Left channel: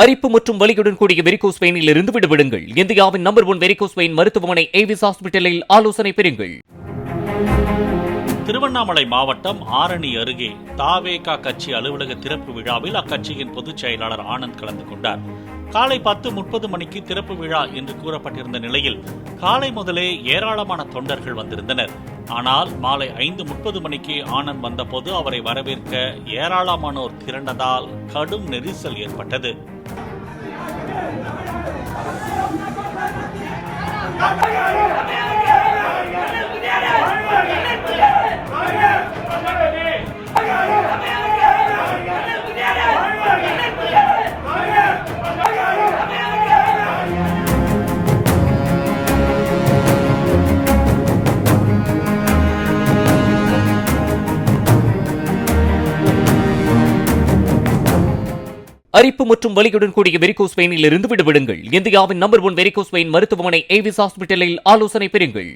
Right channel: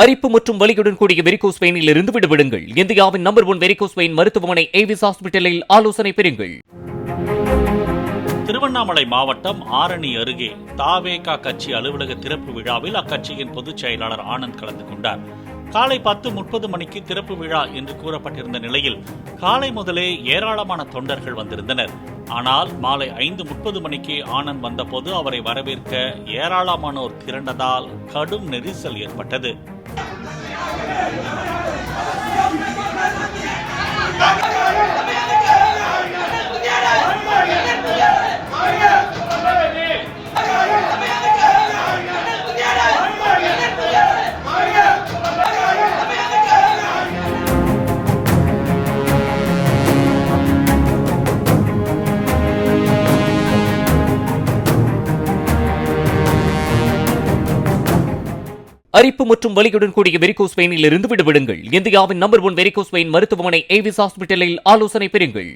அரிப்பு மற்றும் வலியுடன் கூடிய வெரிகோஸ் பெயினில் இருந்து விடுவிடுங்கள் இந்தியாவின் நம்பர் ஒன் வெரிகோஸ் பெயின் மருத்துவமனை ஏவிஸ் ஹாஸ்பிட்டலில் ஆலோசனை பெறுங்கள். திருவண்ணாமலை மாவட்டம் ஆரணி அருகே தாவேகா கட்சி அலுவலக திறப்பு விழாவில் அக்கட்சியின் பொதுச் செயலாளர் ஆனந்த் கலந்து கொண்டார். காலை பத்து முப்பது மணிக்கு திறப்பு விழா என்று கூறப்பட்டிருந்த நிலையில் காலை முதலே ஏராளமான தொண்டர்கள் வந்திருந்தனர். ஆனால் மாலை ஐந்து முப்பது மணிக்கு ஆனந்த் வந்தபோது அவரை வரவேற்க ஏராளமானோர் திரண்டதால் கடும் நெரிசல் ஏற்பட்டது. Thank you. அரிப்பு மற்றும் வலியுடன் கூடிய வெரிகோஸ் பெயினில் இருந்து விடுவிடுங்கள் இந்தியாவின் நம்பர் ஒன் வெரிகோஸ் பெயின் மருத்துவமனை ஏவிஸ் ஹாஸ்பிட்டலில் ஆலோசனை பெறுங்கள்.